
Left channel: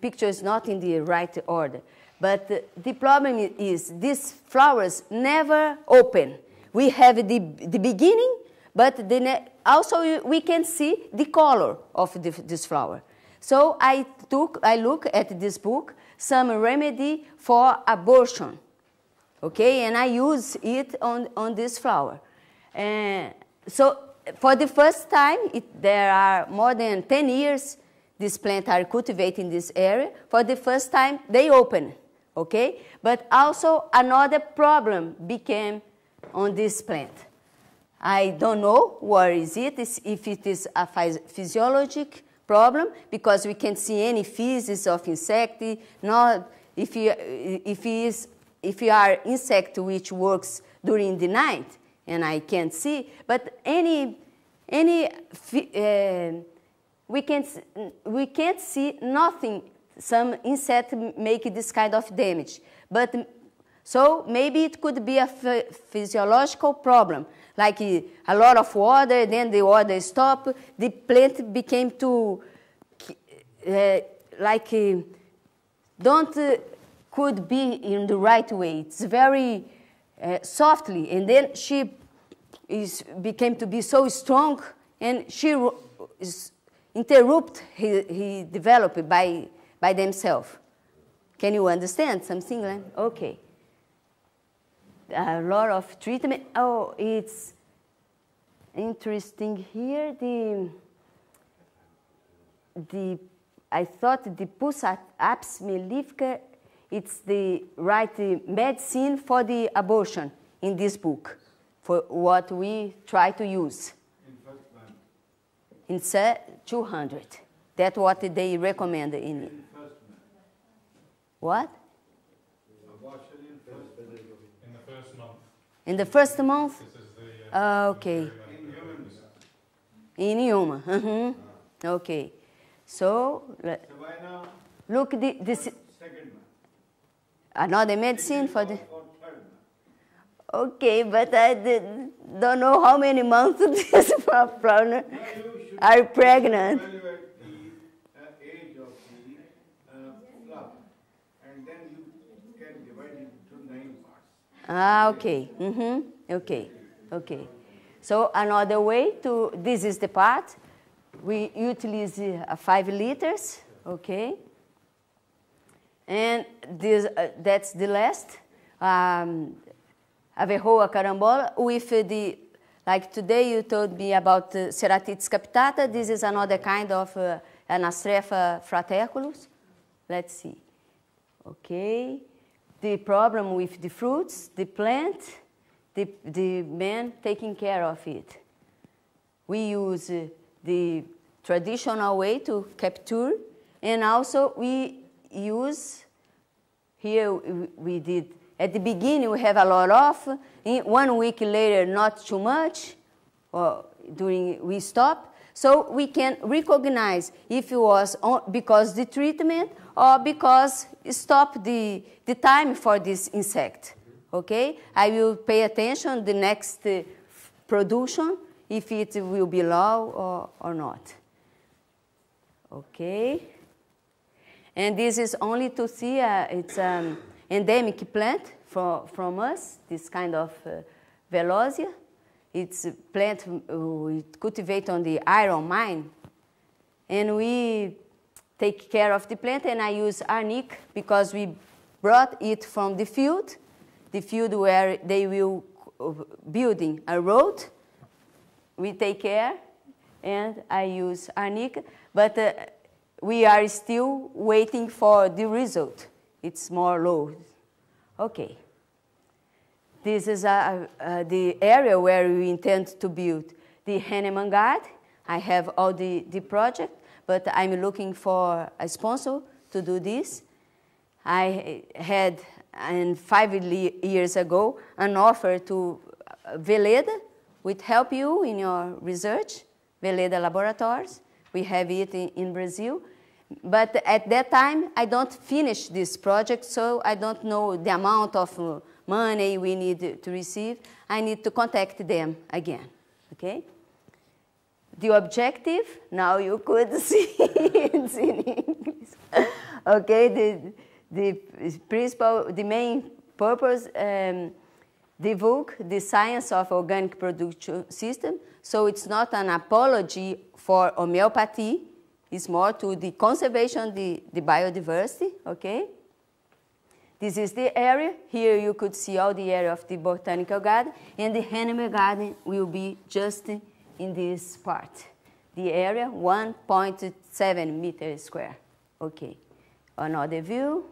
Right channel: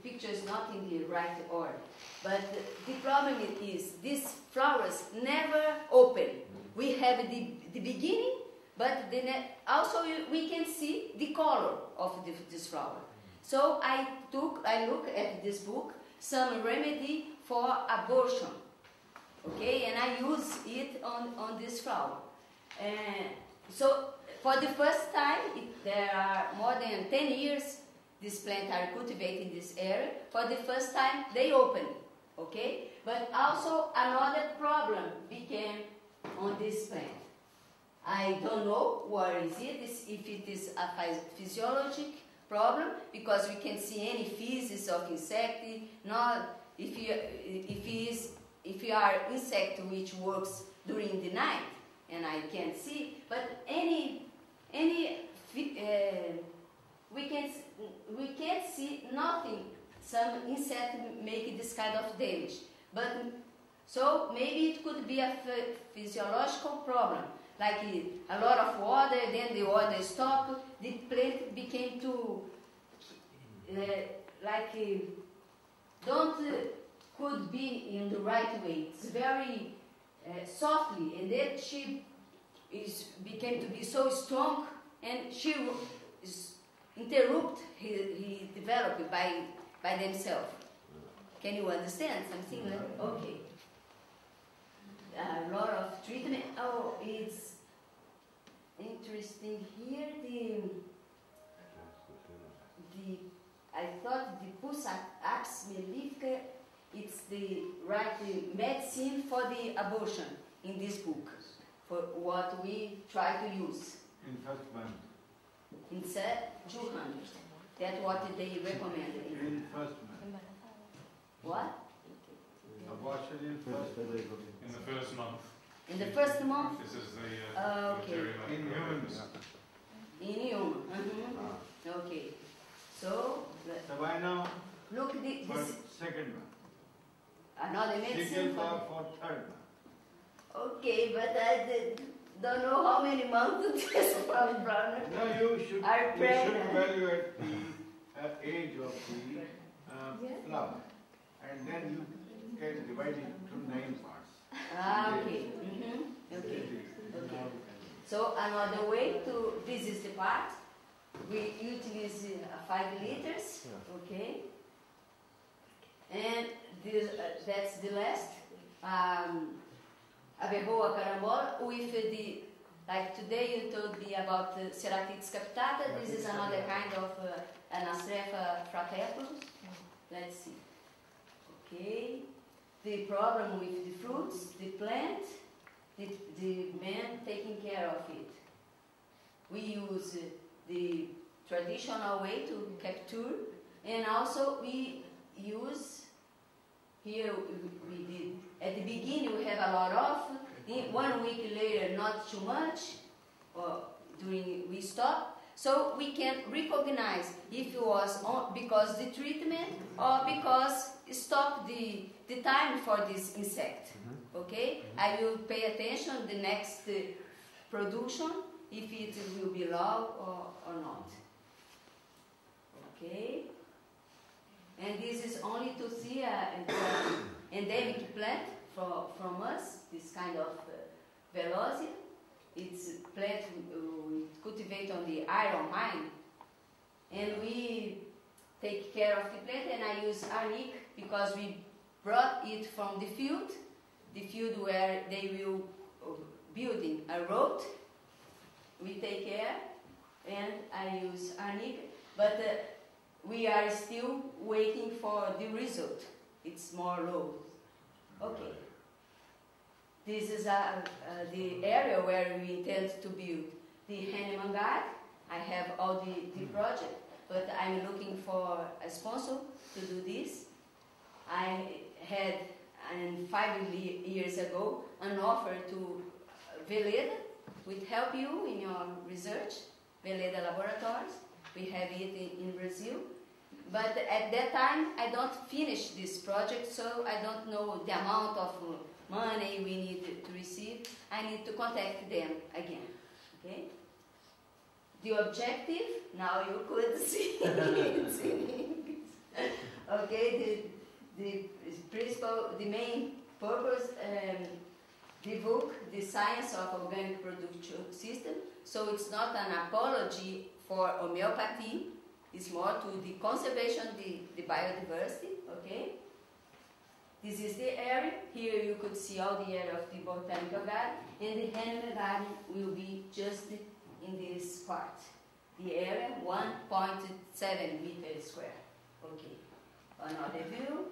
picture is not in the right order, but the problem is these flowers never open. We have the beginning, but also we can see the color of this flower. So I look at this book, some remedy for abortion, okay, and I use it on this flower. So for the first time, there are more than 10 years these plants are cultivated in this area. For the first time, they open, okay? But also another problem became on this plant. I don't know what is it, if it is a physiologic problem, because we can't see any feces of insect, not if you are insect which works during the night, and I can't see, but any we can't see nothing. Some insect make this kind of damage, but so maybe it could be a physiological problem, like a lot of water, then the water stop, the plant became too could be in the right way. It's very softly, and then she became to be so strong, and she interrupt he developed by themselves. Can you understand something like? Okay. A lot of treatment. Oh, it's interesting here. I thought the Pus apis mellifica, it's the right medicine for the abortion in this book, for what we try to use. In first month. In 200. That's what they recommend in In first month. what? Abortion in first month. In the first month. In the first month? This is the... Okay. In humans. In human. Okay. So, So why now? look, this Second month. another medicine for the... For third month. Okay, but I don't know how many months this problem No, you should, are you pregnant. should evaluate the age of the flower, and then you can divide it into 9 parts. Ah, okay. Okay. Okay. So another way to, this is the part. We utilize 5 liters, okay? And this, that's the last. Averroa carambola with the, like today you told me about Ceratitis capitata. This is another kind of Anastrefa fraterculus. Let's see. Okay. The problem with the fruits, the plant, the man taking care of it. We use the traditional way to capture, and also we use, here we did, at the beginning we have a lot of, in 1 week later not too much, or we stop, so we can recognize if it was because the treatment or because it stopped the time for this insect. Okay, I will pay attention the next production if it will be low or not. Okay, and this is only to see it's an endemic plant from us. This kind of Velosia. It's a plant we cultivate on the iron mine, and we take care of the plant. And I use arnica because we brought it from the field where they will building a road. We take care, and I use arnica, but we are still waiting for the result. It's more low. Okay. This is the area where we intend to build the Henneman Garden. I have all the project, but I'm looking for a sponsor to do this. I had, 5 years ago, an offer to Veleda, which help you in your research, Veleda Laboratories. We have it in Brazil. But at that time, I don't finish this project, so I don't know the amount of money we need to receive. I need to contact them again, okay? The objective, now you could see it's in English. Okay, the main purpose, divulge the science of organic production system. So it's not an apology for homeopathy. It's more to the conservation, the biodiversity, okay? This is the area. Here you could see all the area of the botanical garden, and the Henneman Garden will be just in this part. The area, 1.7 meters square. Okay. Another view,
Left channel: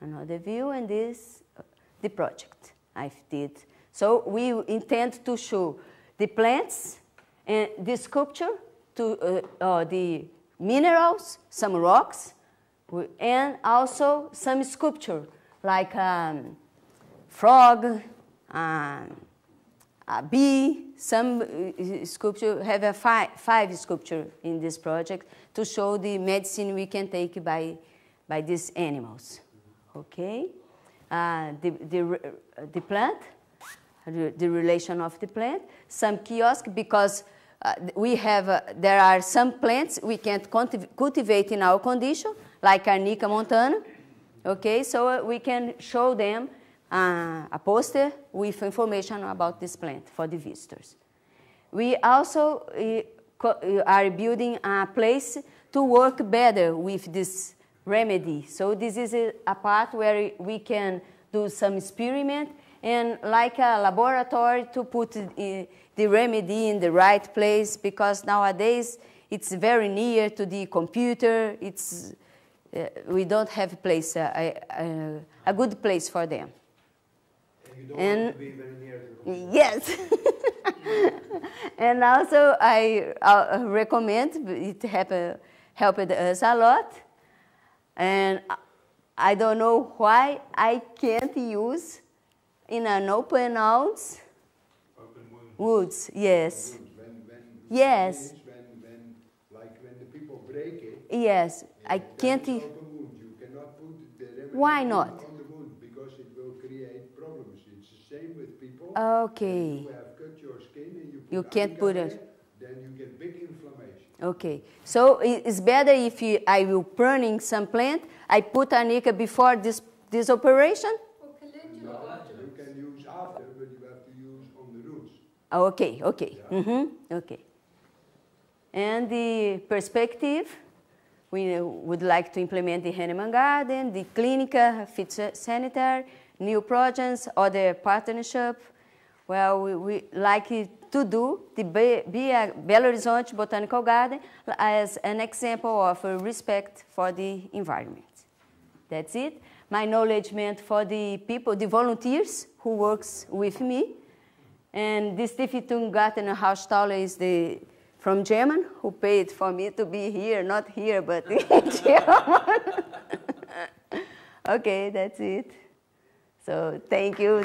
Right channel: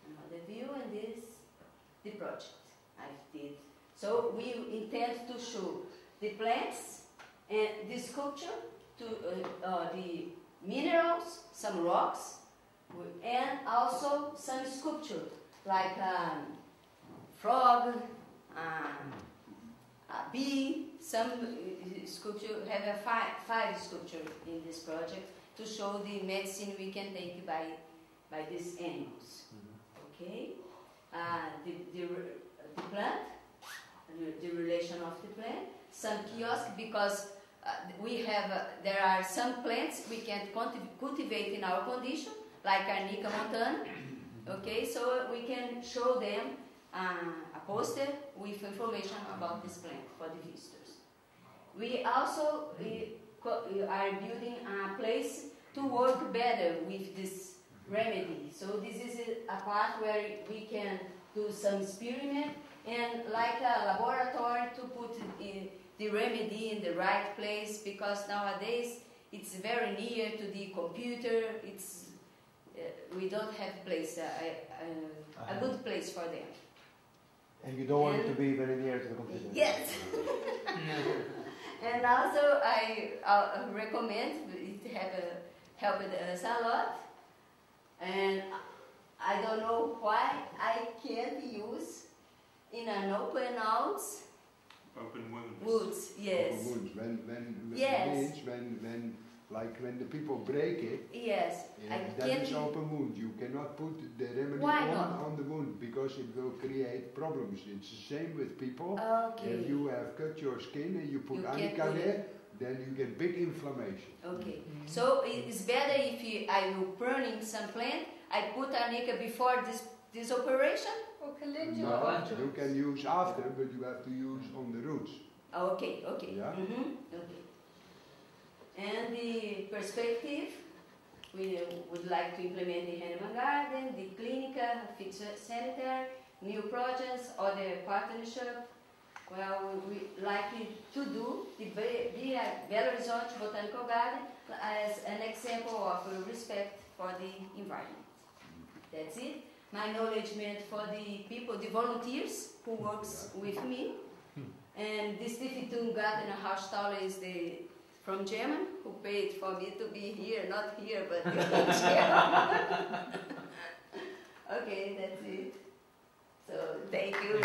and this, the project I did. So we intend to show the plants and the sculpture, to the minerals, some rocks, and also some sculpture, like frog, a bee. Some sculpture have a five sculpture in this project to show the medicine we can take by these animals. Okay, the plant, the relation of the plant. Some kiosk because we have there are some plants we can't cultivate in our condition, like Arnica montana. Okay, so we can show them a poster with information about this plant for the visitors. We also are building a place to work better with this remedy. So this is a part where we can do some experiment and like a laboratory to put the remedy in the right place, because nowadays it's very near to the computer. It's we don't have a place, a good place for them. And you don't want to be very near to the computer. Yes. And also I recommend, it helped us a lot. And I don't know why I can't use in an open house. Open wounds. Woods, yes. Yes. Yes. When the people break it. Yes, I can't. That is open wound. You cannot put the remedy Why not? on the wound because it will create problems. It's the same with people. Okay. If you have cut your skin and you put You can't Arnica put there, it. then you get big inflammation. Okay, so it's better if I will pruning some plant, I put Arnica before this operation? No, you can use after, but you have to use on the roots. Oh, okay, okay. Yeah. Okay. And the perspective, we would like to implement the Henneman Garden, the Clinica, Fit Sanitary, new projects, other partnership. Well, we like to do the Belo Horizonte Botanical Garden as an example of respect for the environment. That's it. My acknowledgement for the people, the volunteers who works with me. And the Stiftung Garten Haustaler is from German, who paid for me to be here, not here, but in German. Okay, that's it. So thank you.